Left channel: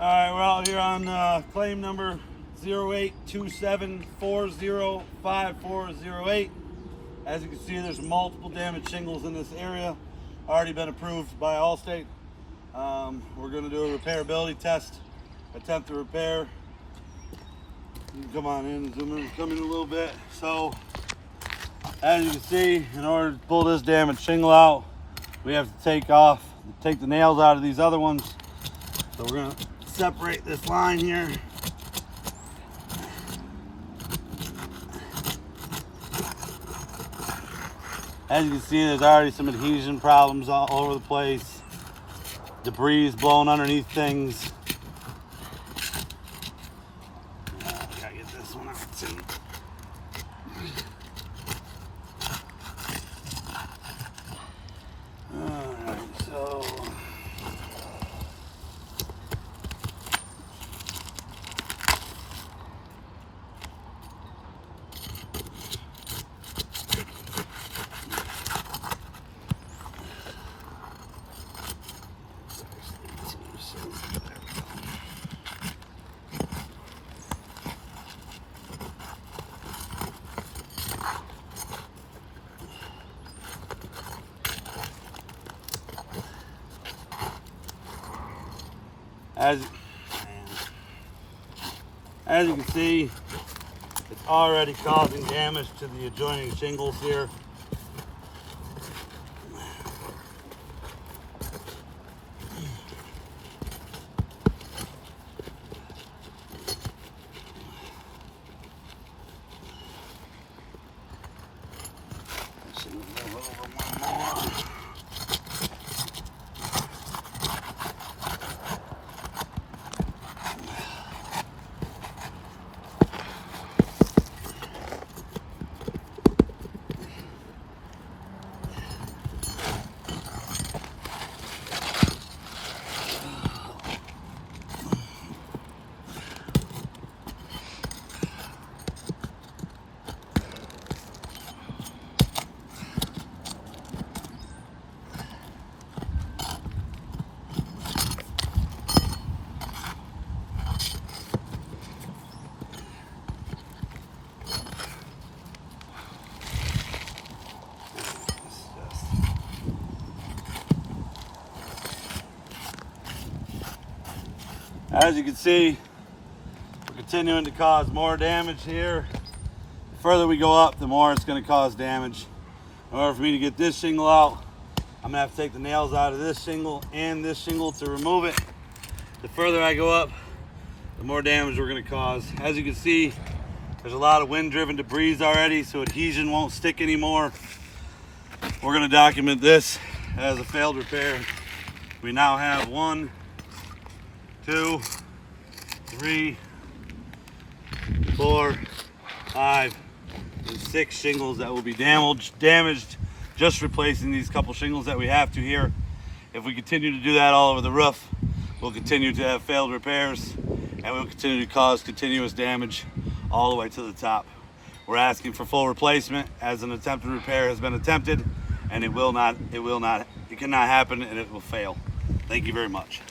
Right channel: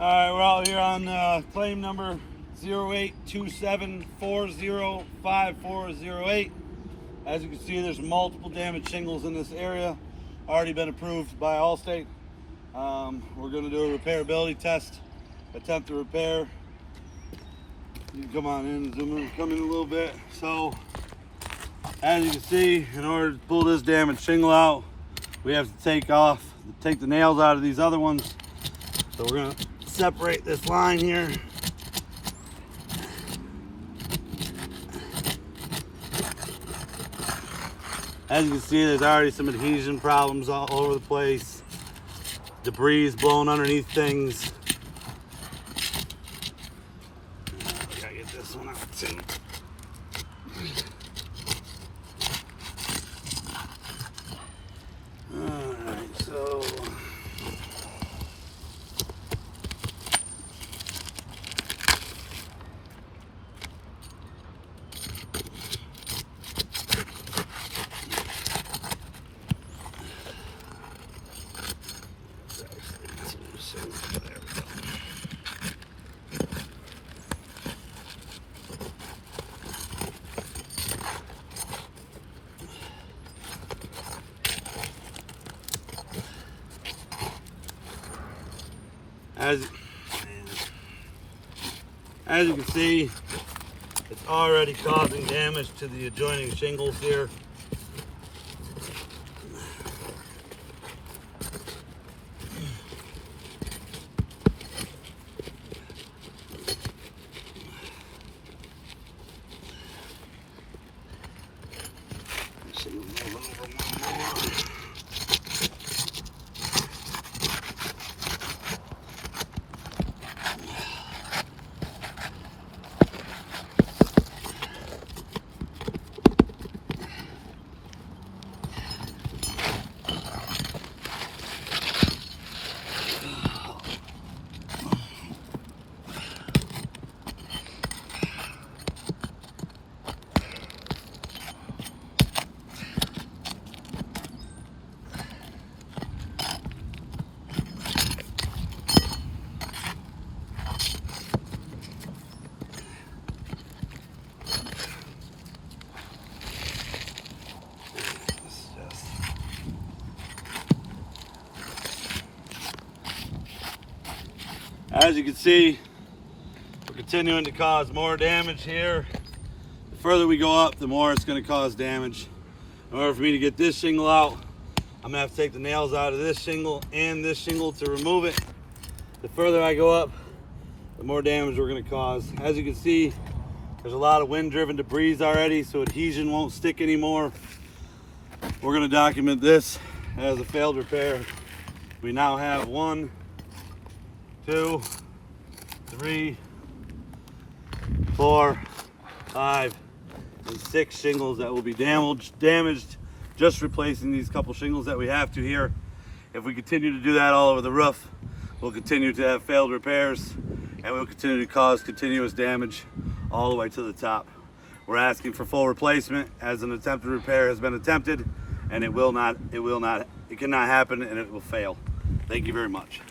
All right, we're out here on claim number 0827405408. As you can see, there's multiple damaged shingles in this area. Already been approved by Allstate. We're going to do a repairability test, attempt to repair. You can come on in, zoom in, come in a little bit. So, as you can see, in order to pull this damaged shingle out, we have to take the nails out of these other ones. So we're going to separate this line here. As you can see, there's already some adhesion problems all over the place. Debris blowing underneath things. Gotta get this one out too. Alright, so as you can see, it's already causing damage to the adjoining shingles here. As you can see, we're continuing to cause more damage here. The further we go up, the more it's going to cause damage. In order for me to get this shingle out, I'm going to have to take the nails out of this shingle and this shingle to remove it. The further I go up, the more damage we're going to cause. As you can see, there's a lot of wind-driven debris already, so adhesion won't stick anymore. We're going to document this as a failed repair. We now have 1, 2, 3, 4, 5, and 6 shingles that will be damaged just replacing these couple shingles that we have to here. If we continue to do that all over the roof, we'll continue to have failed repairs and we'll continue to cause continuous damage all the way to the top. We're asking for full replacement as an attempted repair has been attempted, and it cannot happen, and it will fail. Thank you very much.